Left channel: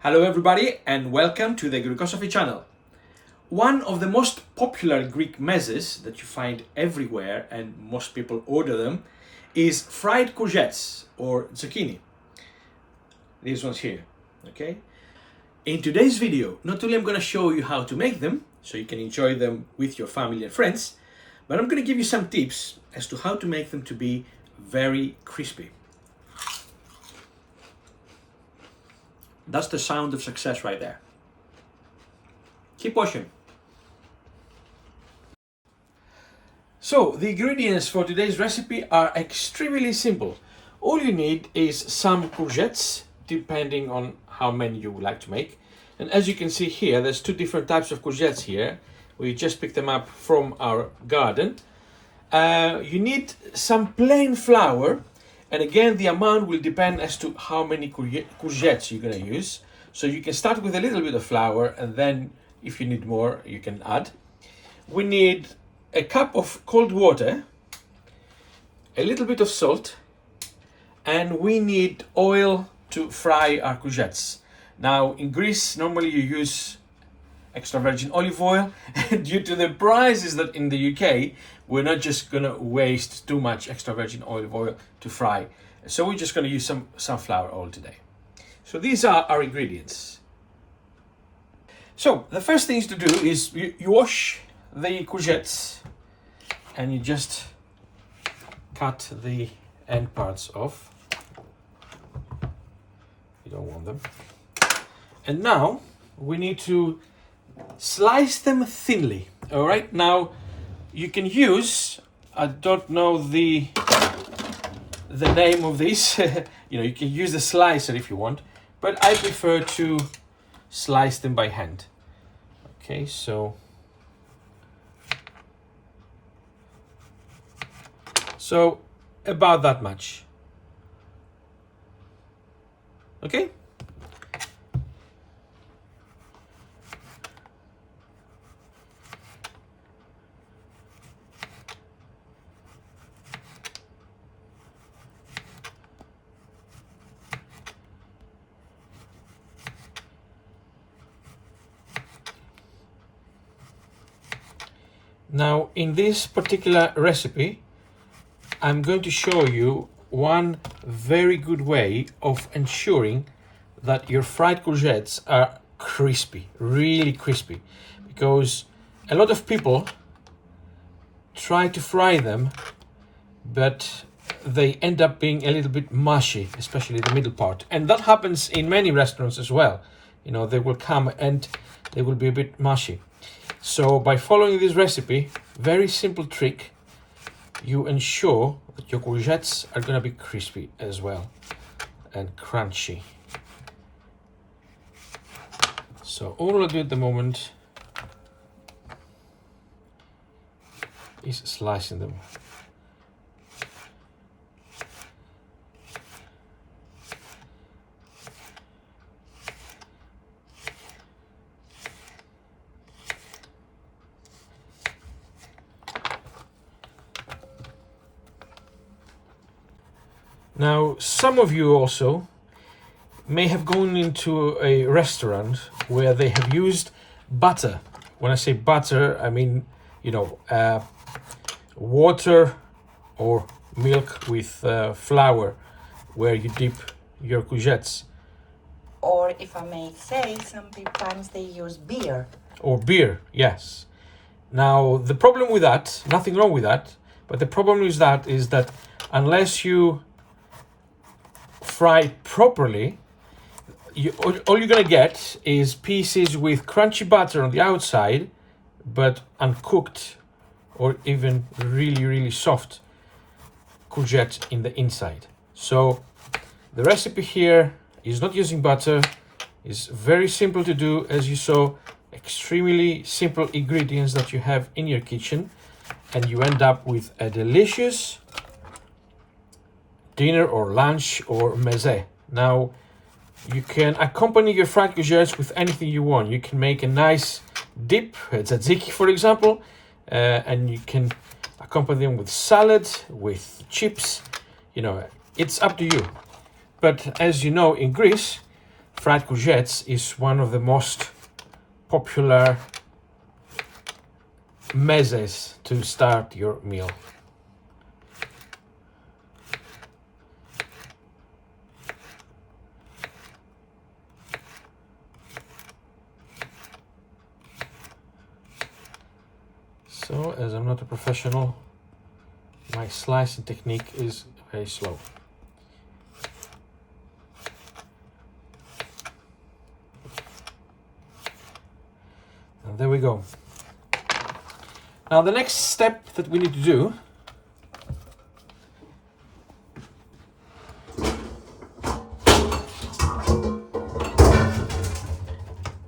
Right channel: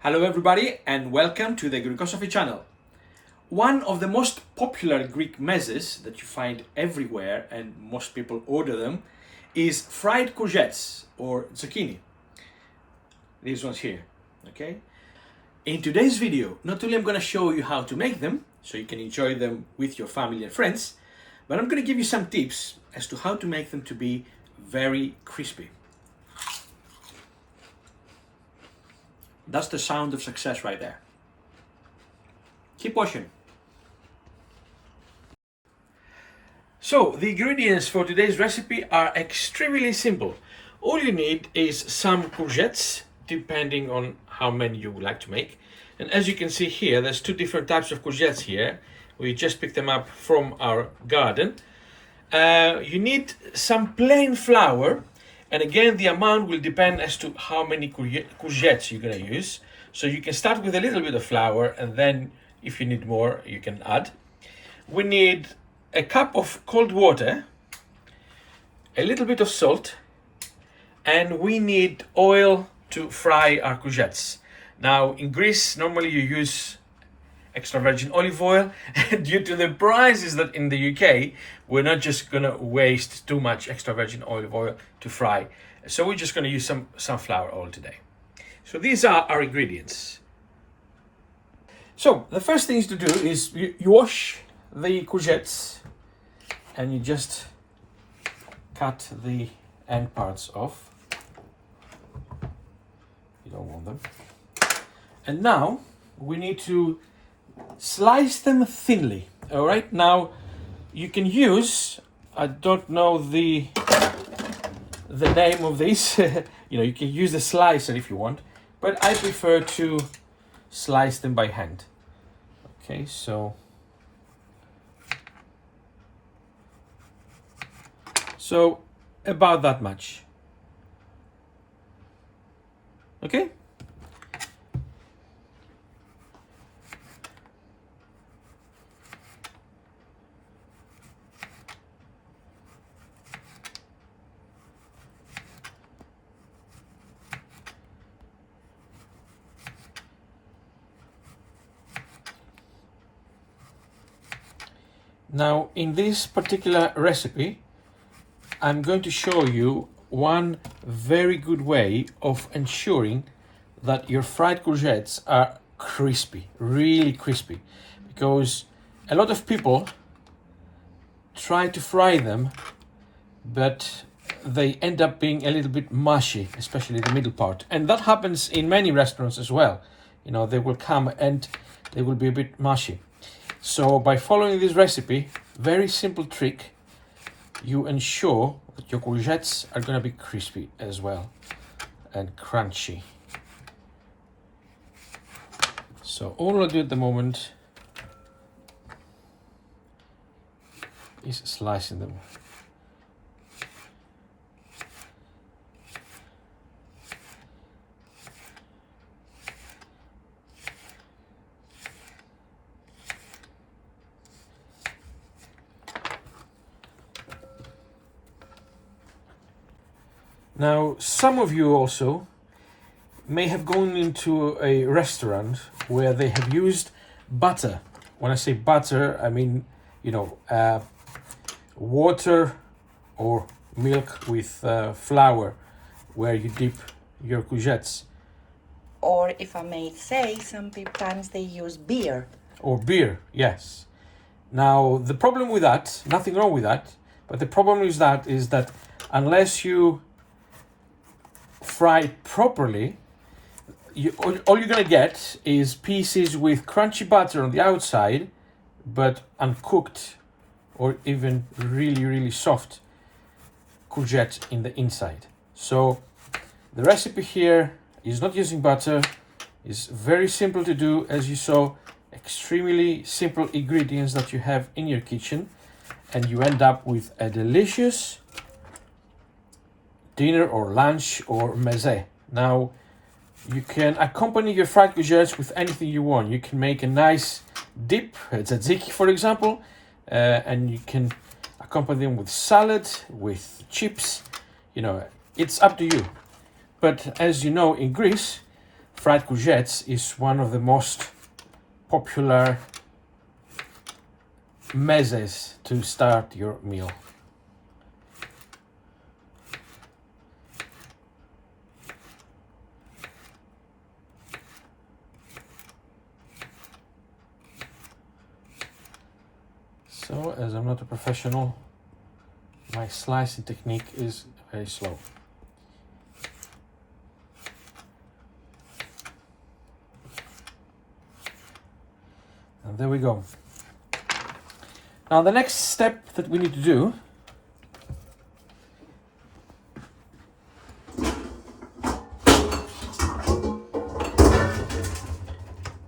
Hello everybody and welcome to the Greekosophy channel. One of the most popular Greek mezes that you find everywhere and most people order them is fried courgettes or zucchini. These ones here, okay? In today's video, not only I'm going to show you how to make them so you can enjoy them with your family and friends, but I'm going to give you some tips as to how to make them to be very crispy. That's the sound of success right there. Keep watching. So the ingredients for today's recipe are extremely simple. All you need is some courgettes, depending on how many you would like to make. And as you can see here, there's two different types of courgettes here. We just picked them up from our garden. You need some plain flour. And again, the amount will depend as to how many courgettes you're going to use. So you can start with a little bit of flour, and then if you need more, you can add. We need a cup of cold water, a little bit of salt, and we need oil to fry our courgettes. Now, in Greece, normally you use extra virgin olive oil. Due to the prices that in the UK, we're not just gonna waste too much extra virgin olive oil to fry. So we're just gonna use some sunflower oil today. So these are our ingredients. So the first things to do is you wash the courgettes and you just cut the end parts off. You don't want them. And now we need to slice them thinly. All right, now you can use, I don't know the name of this, you can use the slicer if you want, but I prefer to slice them by hand. Okay, so about that much. Okay. Now, in this particular recipe, I'm going to show you one very good way of ensuring that your fried courgettes are crispy, really crispy, because a lot of people try to fry them, but they end up being a little bit mushy, especially the middle part. And that happens in many restaurants as well. They will come and they will be a bit mushy. So by following this recipe, very simple trick, you ensure that your courgettes are going to be crispy as well and crunchy. So all I do at the moment is slicing them. Now, some of you also may have gone into a restaurant where they have used butter. When I say butter, I mean, water or milk with flour where you dip your courgettes. Or if I may say, sometimes they use beer. Or beer, yes. Now, the problem with that, nothing wrong with that, but the problem with that is that unless you fry it properly, all you're gonna get is pieces with crunchy butter on the outside, but uncooked or even really, really soft courgette in the inside. So the recipe here is not using butter. It's very simple to do, as you saw, extremely simple ingredients that you have in your kitchen, and you end up with a delicious dinner or lunch or meze. Now, you can accompany your fried courgettes with anything you want. You can make a nice dip, tzatziki for example, and you can accompany them with salad, with chips. It's up to you. But as you know, in Greece, fried courgettes is one of the most popular mezes to start your meal. So, as I'm not a professional, my slicing technique is very slow. And there we go. Now the next step that we need to do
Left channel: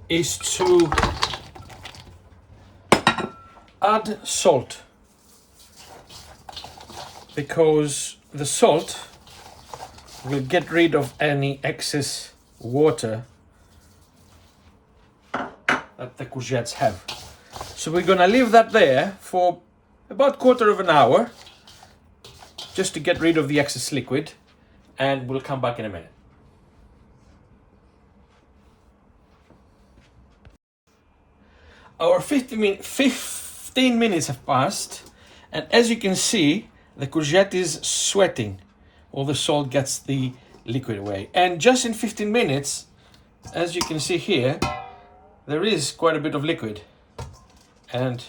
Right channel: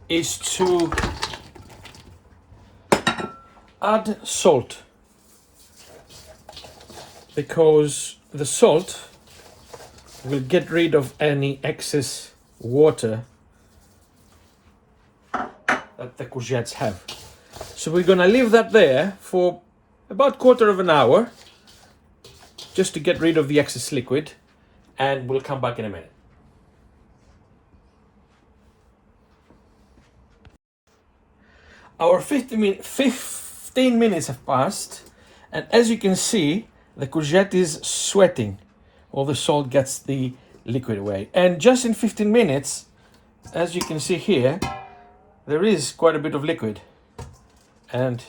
is to add salt, because the salt will get rid of any excess water that the courgettes have. So we're gonna leave that there for about quarter of an hour just to get rid of the excess liquid, and we'll come back in a minute. Our 15 minutes have passed, and as you can see, the courgette is sweating. All the salt gets the liquid away. And just in 15 minutes, as you can see here, there is quite a bit of liquid. And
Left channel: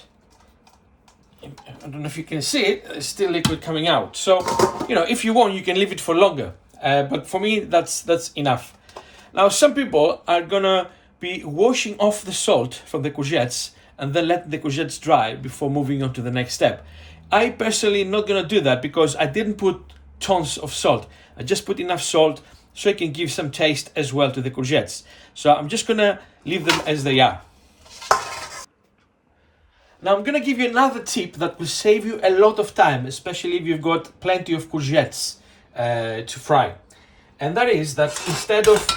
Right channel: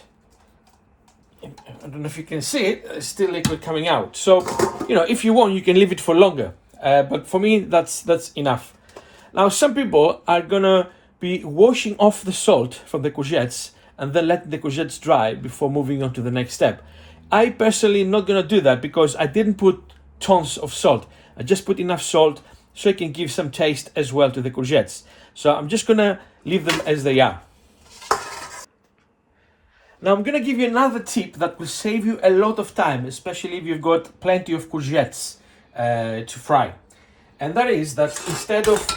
I don't know if you can see it, there's still liquid coming out. So, you know, if you want, you can leave it for longer. But for me, that's enough. Now, some people are gonna be washing off the salt from the courgettes and then let the courgettes dry before moving on to the next step. I personally am not gonna do that because I didn't put tons of salt. I just put enough salt so it can give some taste as well to the courgettes. So I'm just gonna leave them as they are. Now I'm gonna give you another tip that will save you a lot of time, especially if you've got plenty of courgettes to fry. And that is that instead of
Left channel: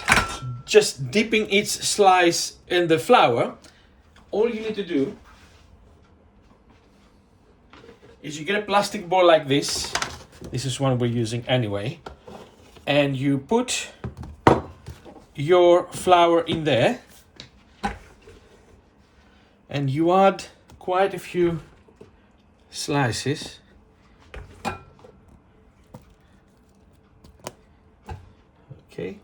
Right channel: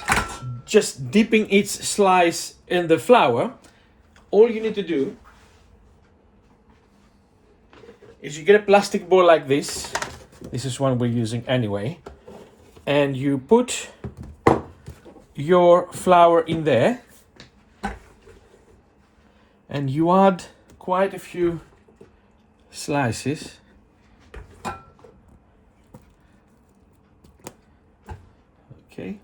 just dipping each slice in the flour, all you need to do is you get a plastic bowl like this. This is one we're using anyway. And you put your flour in there. And you add quite a few slices. Okay.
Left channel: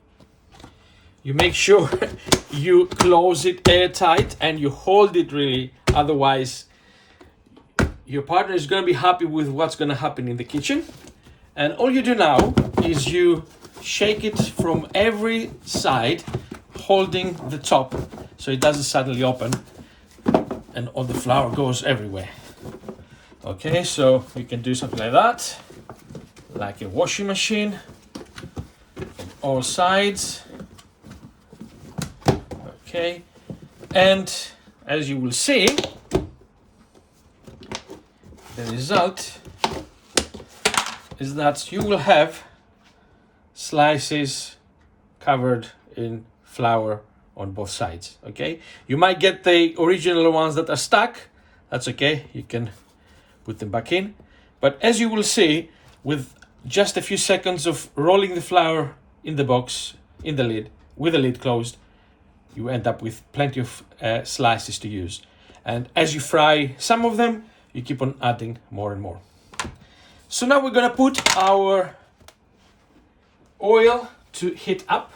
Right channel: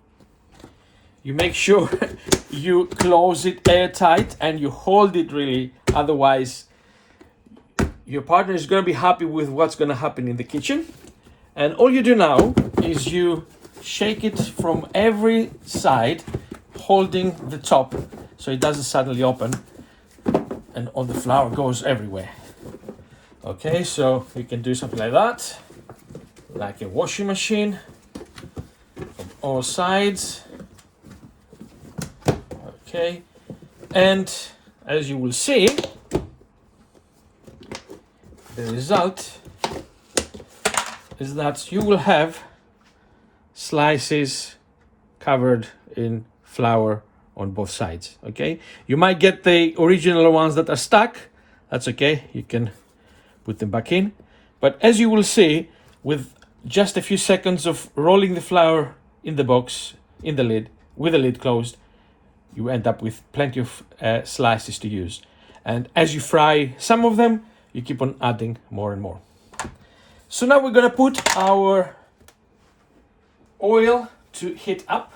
You make sure you close it airtight and you hold it really, otherwise your partner is going to be happy with what's going to happen in the kitchen. And all you do now is you shake it from every side, holding the top so it doesn't suddenly open and all the flour goes everywhere. Okay, so you can do something like that, like a washing machine, from all sides. Okay, and as you will see, the result is that you will have slices covered in flour on both sides. Okay, you might get the original ones that are stuck. That's okay, you can put them back in. But as you will see, with just a few seconds of rolling the flour in the box, in the lid, with the lid closed, you end up with plenty of slices to use. And as you fry some of them, you keep on adding more and more. So now we're gonna put our oil to heat up.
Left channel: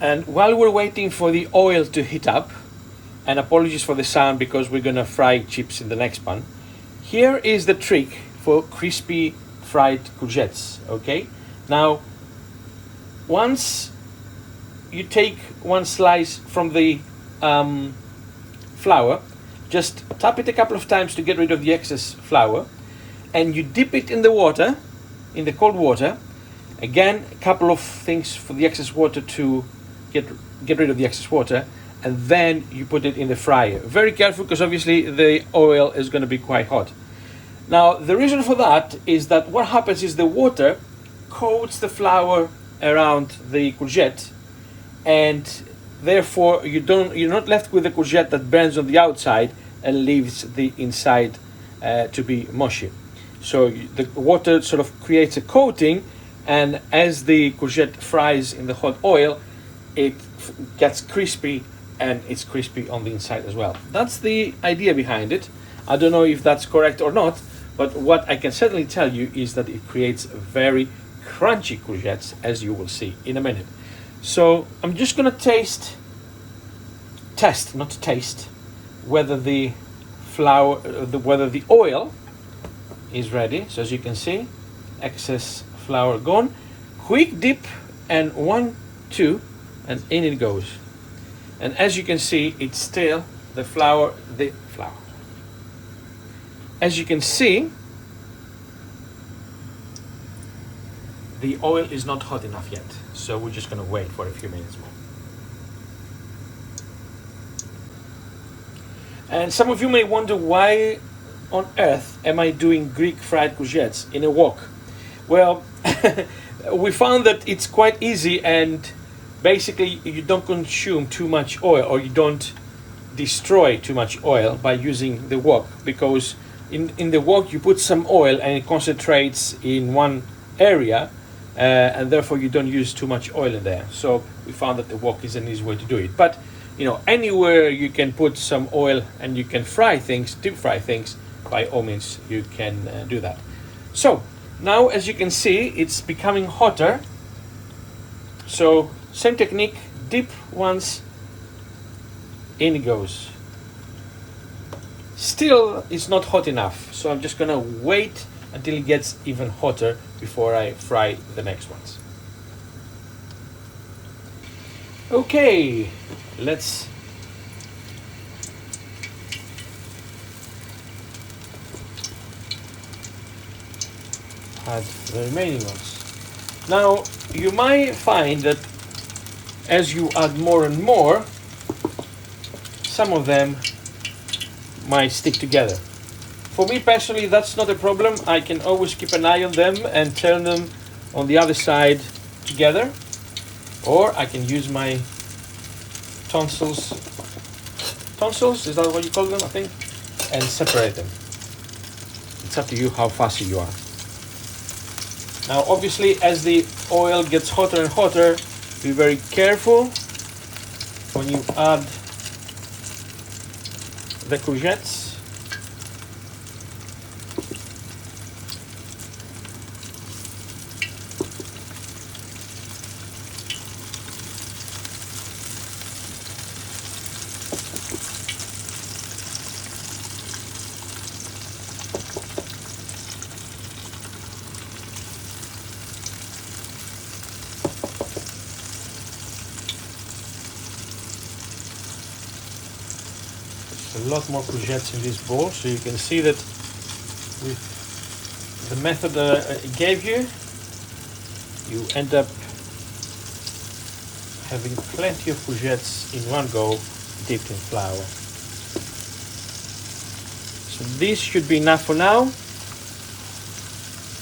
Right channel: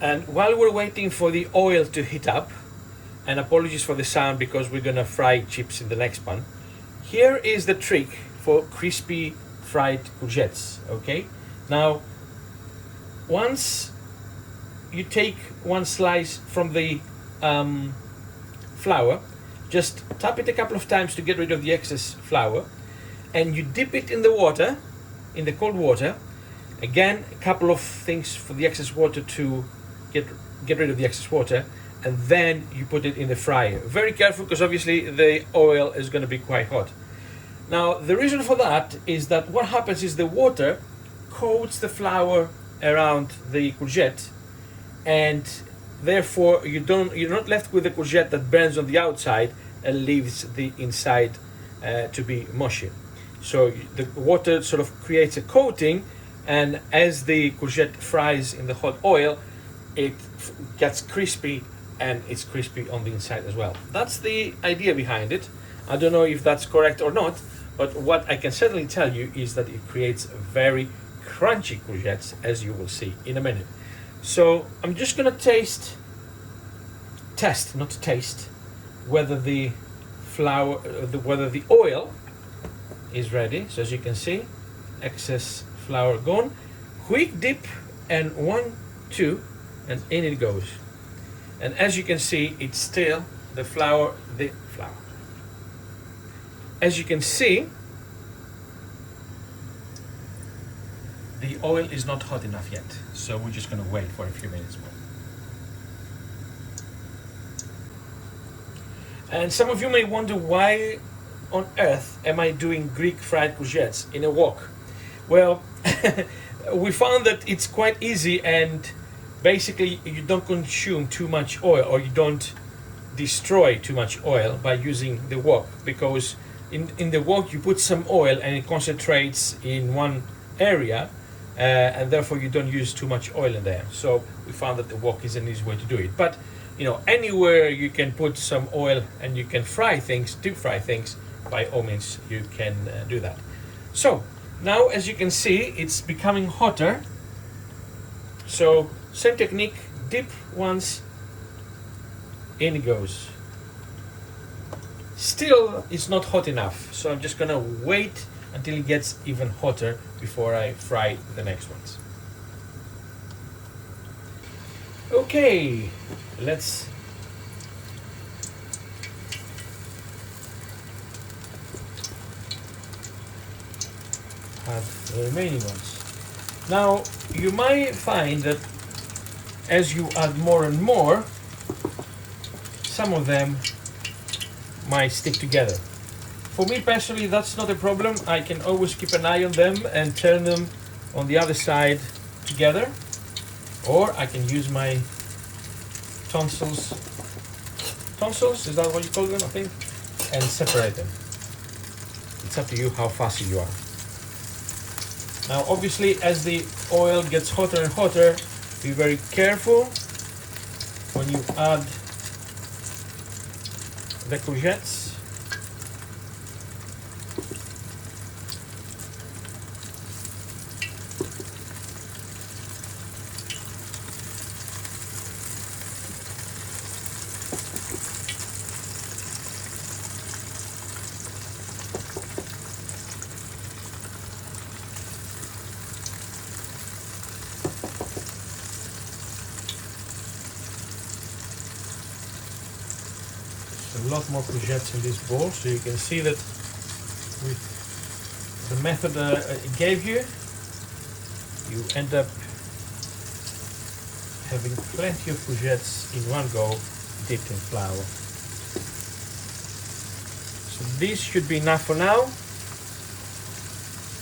And while we're waiting for the oil to heat up, and apologies for the sound because we're gonna fry chips in the next pan, here is the trick for crispy fried courgettes. Okay, now once you take one slice from the flour, just tap it a couple of times to get rid of the excess flour, and you dip it in the water, in the cold water. Again, a couple of things for the excess water to get rid of the excess water, and then you put it in the fryer. Very careful, because obviously the oil is going to be quite hot. Now the reason for that is that what happens is the water coats the flour around the courgette, and therefore you're not left with the courgette that burns on the outside and leaves the inside to be mushy. So the water sort of creates a coating, and as the courgette fries in the hot oil, it gets crispy, and it's crispy on the inside as well. That's the idea behind it. I don't know if that's correct or not, but what I can certainly tell you is that it creates very crunchy courgettes, as you will see in a minute. So I'm just gonna test, whether the flour, whether the oil is ready. So as you can see, excess flour gone. Quick dip, and 1, 2, and in it goes. And as you can see, it's still the flour. As you can see, the oil is not hot enough yet, so we're just gonna wait for a few minutes more. And some of you may wonder, why on earth am I doing Greek fried courgettes in a wok? Well, we found that it's quite easy, and basically you don't consume too much oil, or you don't destroy too much oil by using the wok, because in the wok you put some oil and it concentrates in one area, and therefore you don't use too much oil in there. So we found that the wok is an easy way to do it. But you know, anywhere you can put some oil and you can fry things, deep fry things, by all means you can do that. So now, as you can see, it's becoming hotter. So same technique, dip once, in it goes. Still, it's not hot enough, so I'm just gonna wait until it gets even hotter before I fry the next ones. Okay, let's add the remaining ones. Now, you might find that as you add more and more, some of them might stick together. For me personally, that's not a problem. I can always keep an eye on them and turn them on the other side together, or I can use my tonsils, is that what you call them, I think, and separate them. It's up to you how fussy you are. Now obviously, as the oil gets hotter and hotter, be very careful when you add the courgettes. A lot more courgettes in this bowl, so you can see that with the method it gave you, you end up having plenty of courgettes in one go, dipped in flour. So this should be enough for now.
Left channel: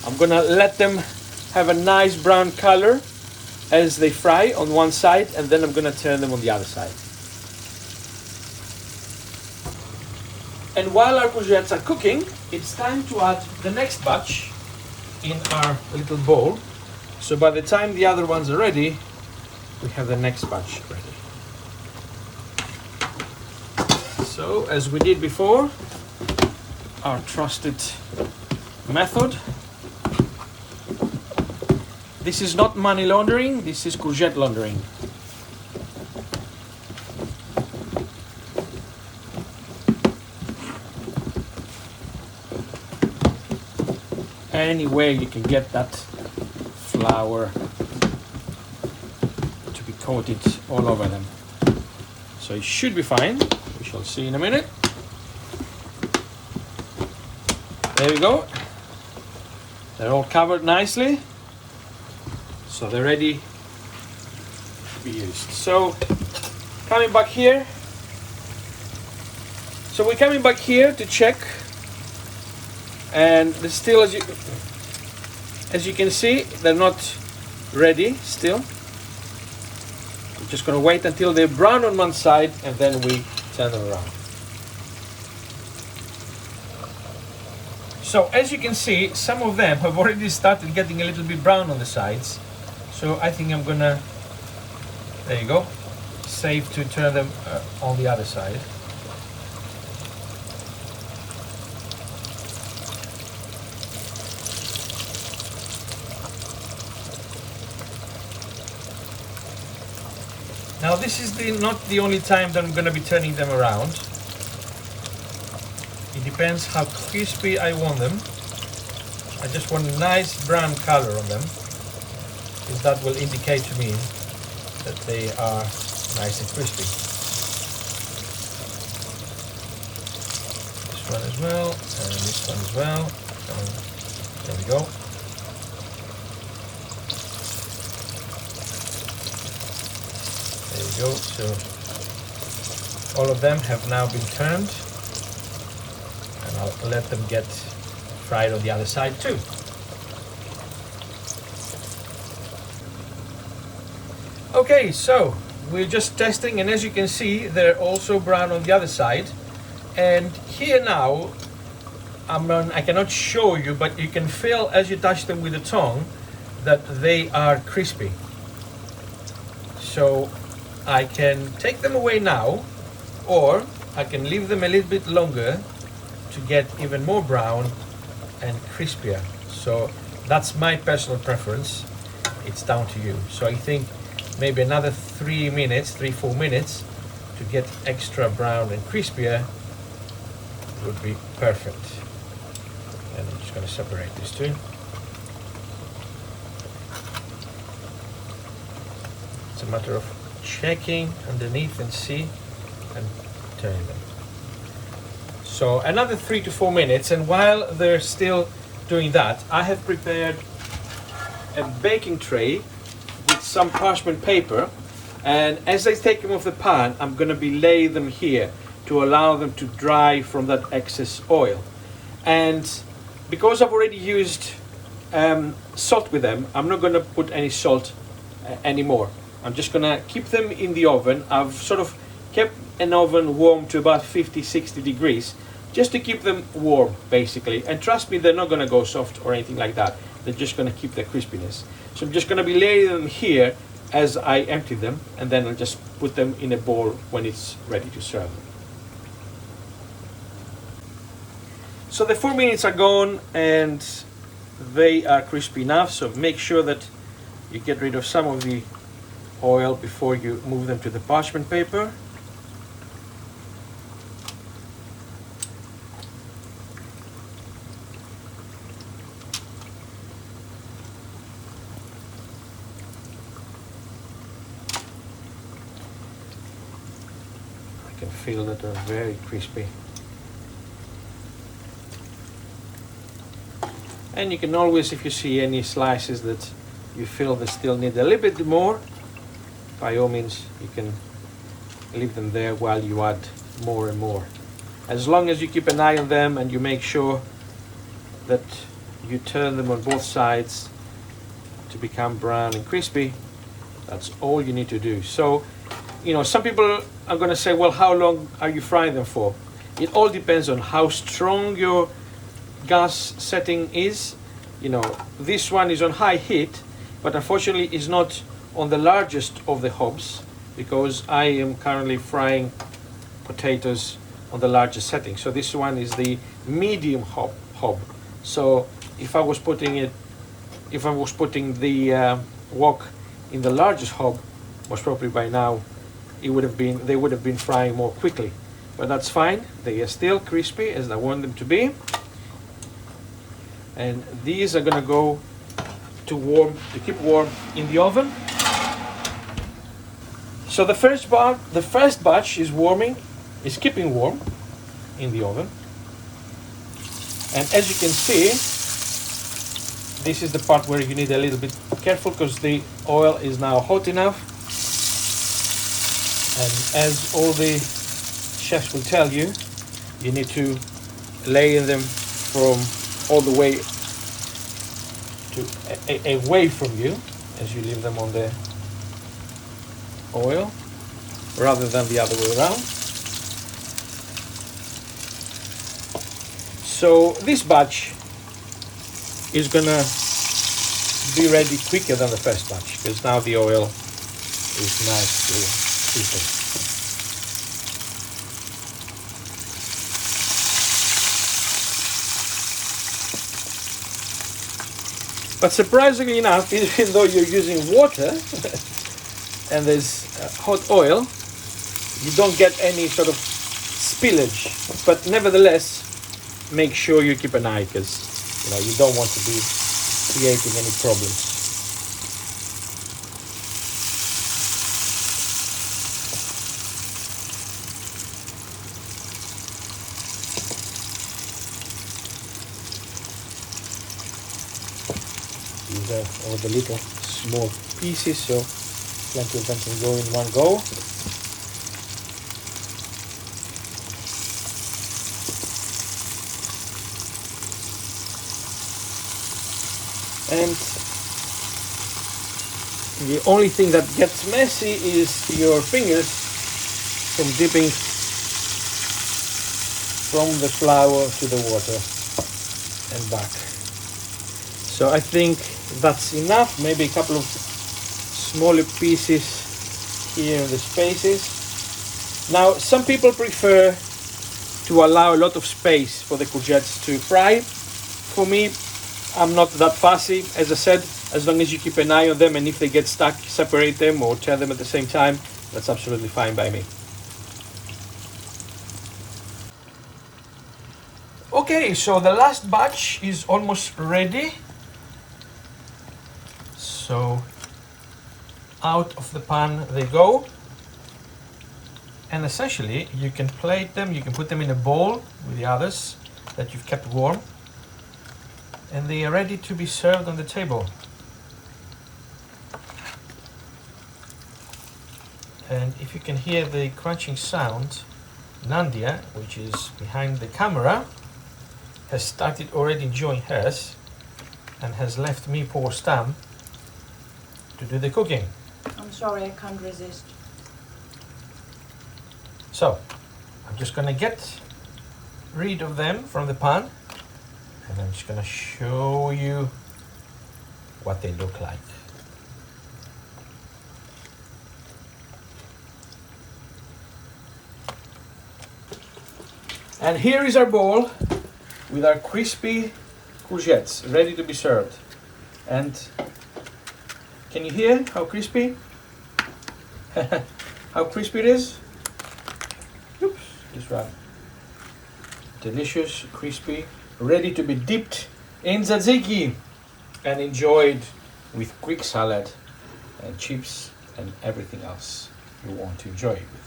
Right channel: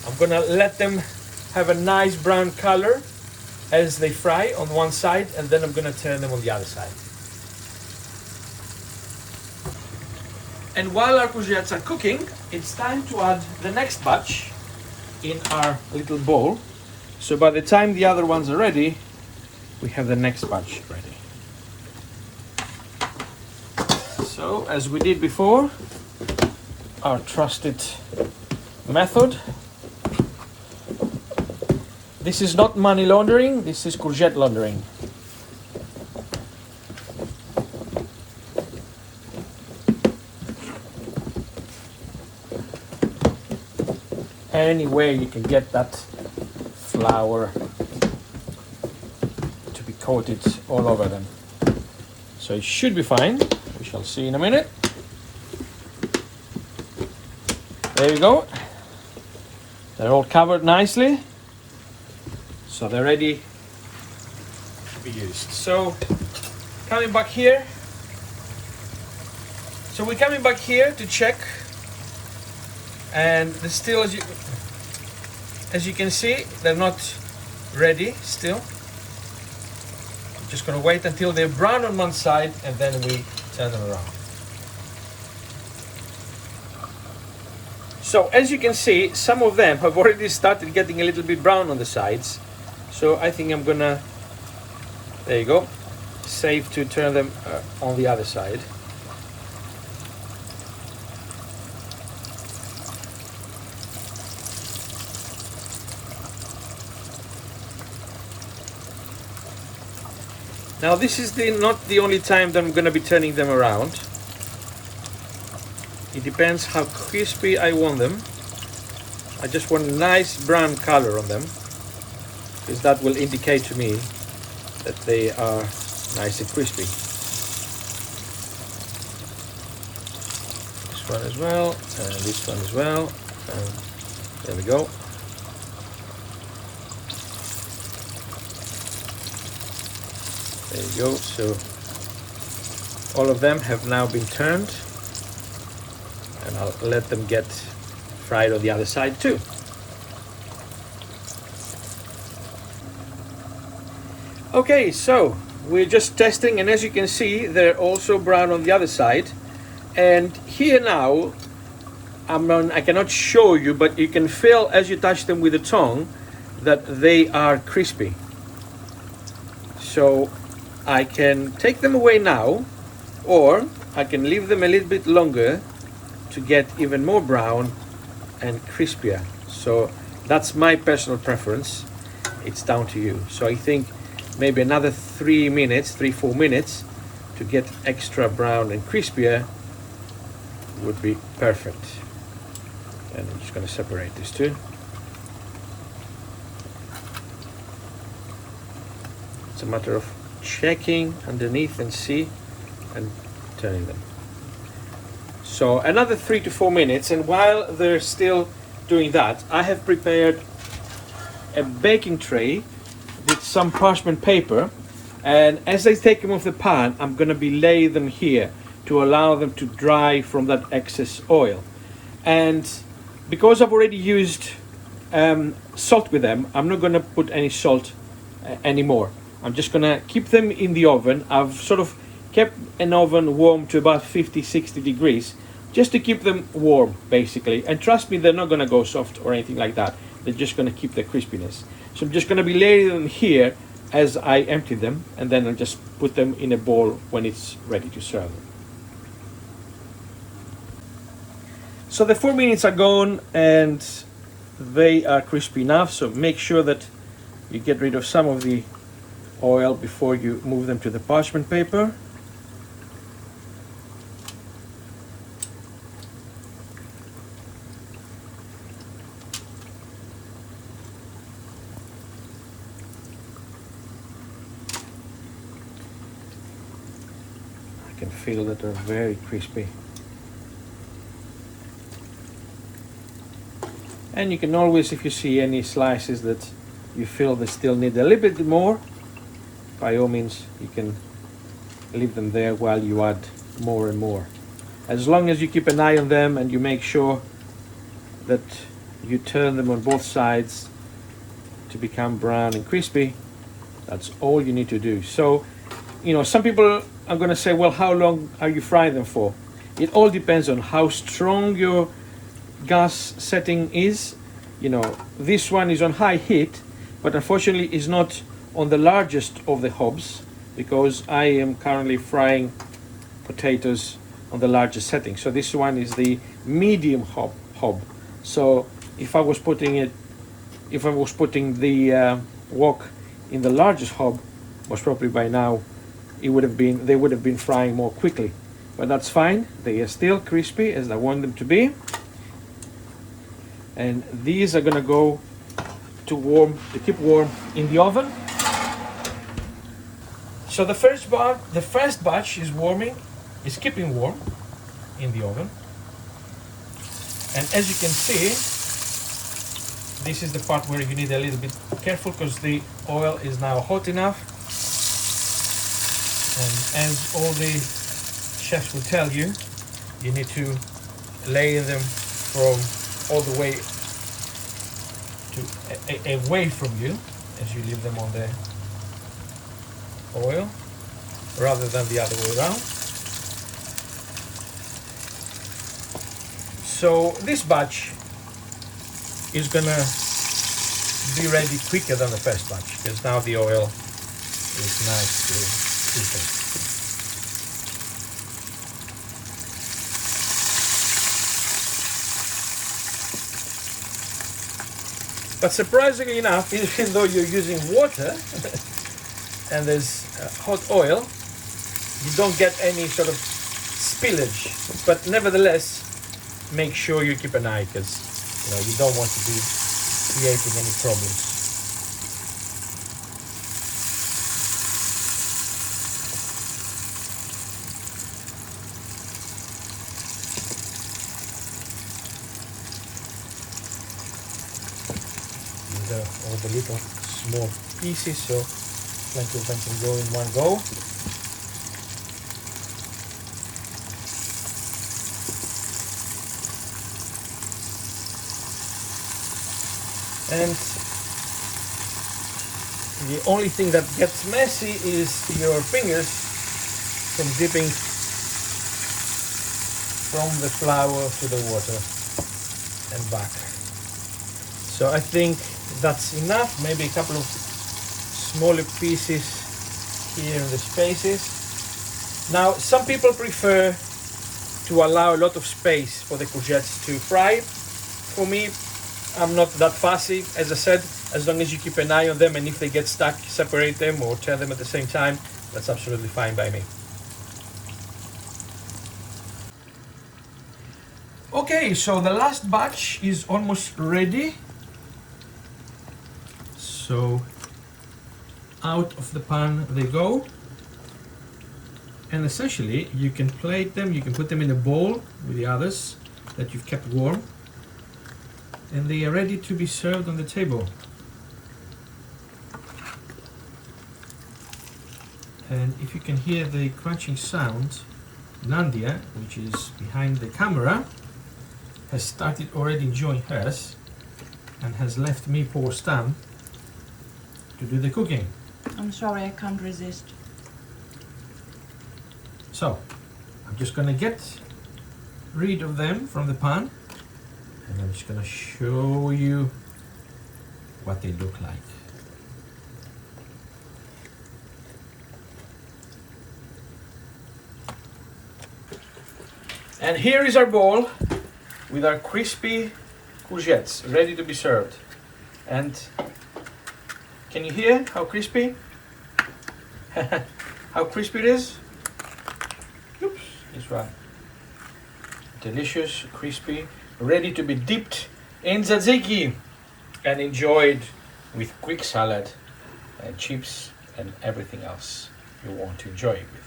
I'm gonna let them have a nice brown color as they fry on one side, and then I'm gonna turn them on the other side. And while our courgettes are cooking, it's time to add the next batch in our little bowl. So by the time the other ones are ready, we have the next batch ready. So as we did before, our trusted method. This is not money laundering, this is courgette laundering. Any way you can get that flour to be coated all over them. So it should be fine. We shall see in a minute. There we go. They're all covered nicely. So they're ready to be used. So coming back here. So we're coming back here to check. And they're still, as you can see, they're not ready still. We're just going to wait until they're brown on one side, and then we turn them around. So as you can see, some of them have already started getting a little bit brown on the sides. So I think I'm gonna, there you go, save to turn them on the other side. Now this is not the only time that I'm going to be turning them around. It depends how crispy I want them. I just want a nice brown color on them, because that will indicate to me that they are nice and crispy. This one as well, and this one as well. There we go. There you go. So all of them have now been turned, and I'll let them get fried on the other side too. Okay, so we're just testing, and as you can see, they're also brown on the other side. And here now, I cannot show you, but you can feel as you touch them with the tongue that they are crispy. So I can take them away now, or I can leave them a little bit longer to get even more brown and crispier. So that's my personal preference. It's down to you. So I think maybe another 3-4 minutes to get extra brown and crispier would be perfect. And I'm just going to separate these two. It's a matter of checking underneath and see and turning them. So another 3 to 4 minutes, and while they're still doing that, I have prepared a baking tray with some parchment paper, and as I take them off the pan, I'm going to be laying them here to allow them to dry from that excess oil. And because I've already used salt with them, I'm not going to put any salt anymore. I'm just going to keep them in the oven. I've sort of kept an oven warm to about 50-60 degrees just to keep them warm, basically. And trust me, they're not going to go soft or anything like that. They're just going to keep the crispiness. So I'm just going to be laying them here as I empty them, and then I'll just put them in a bowl when it's ready to serve. So the 4 minutes are gone and they are crispy enough, so make sure that you get rid of some of the oil before you move them to the parchment paper. You can feel that they're very crispy. And you can always, if you see any slices that you feel they still need a little bit more, by all means you can leave them there while you add more and more. As long as you keep an eye on them and you make sure that you turn them on both sides to become brown and crispy, that's all you need to do. So, you know, some people are going to say, well, how long are you frying them for? It all depends on how strong your gas setting is. You know, this one is on high heat, but unfortunately is not on the largest of the hobs, because I am currently frying potatoes on the largest setting. So this one is the medium hob. So if I was putting the wok in the largest hob, most probably by now they would have been frying more quickly. But that's fine. They are still crispy as I want them to be. And these are gonna go to keep warm in the oven. So the first batch is keeping warm in the oven. And as you can see, this is the part where you need a little bit careful, because the oil is now hot enough. And as all the chefs will tell you, you need to lay them from all the way away from you as you leave them on the oil, rather than the other way around. So this batch is gonna be ready quicker than the first batch because now the oil is nicely heated. But surprisingly enough, even though you're using water and there's hot oil, you don't get any sort of spillage. But nevertheless, make sure you keep an eye because you don't want to be creating any problems. These are all the little small pieces, so plenty of them can go in one go. And the only thing that gets messy is your fingers from dipping from the flour to the water and back. So I think that's enough, maybe a couple of smaller pieces here in the spaces. Now some people prefer to allow a lot of space for the courgettes to fry. For me, I'm not that fussy. As I said, as long as you keep an eye on them and if they get stuck, separate them or turn them at the same time, that's absolutely fine by me. Okay, so the last batch is almost ready. So out of the pan they go. And essentially you can plate them, you can put them in a bowl with the others that you've kept warm. And they are ready to be served on the table. And if you can hear the crunching sound, Nadia, which is behind the camera, has started already enjoying hers and has left me, poor Stan, to do the cooking. I'm sorry, I can't resist. So, I'm just gonna get rid of them from the pan. And I'm just going to show you what they look like. And here is our bowl with our crispy courgettes ready to be served. And can you hear how crispy? How crispy it is? Oops, this one. Delicious, crispy, ready to be dipped in tzatziki and enjoyed with quick salad and chips and everything else you want to enjoy it with.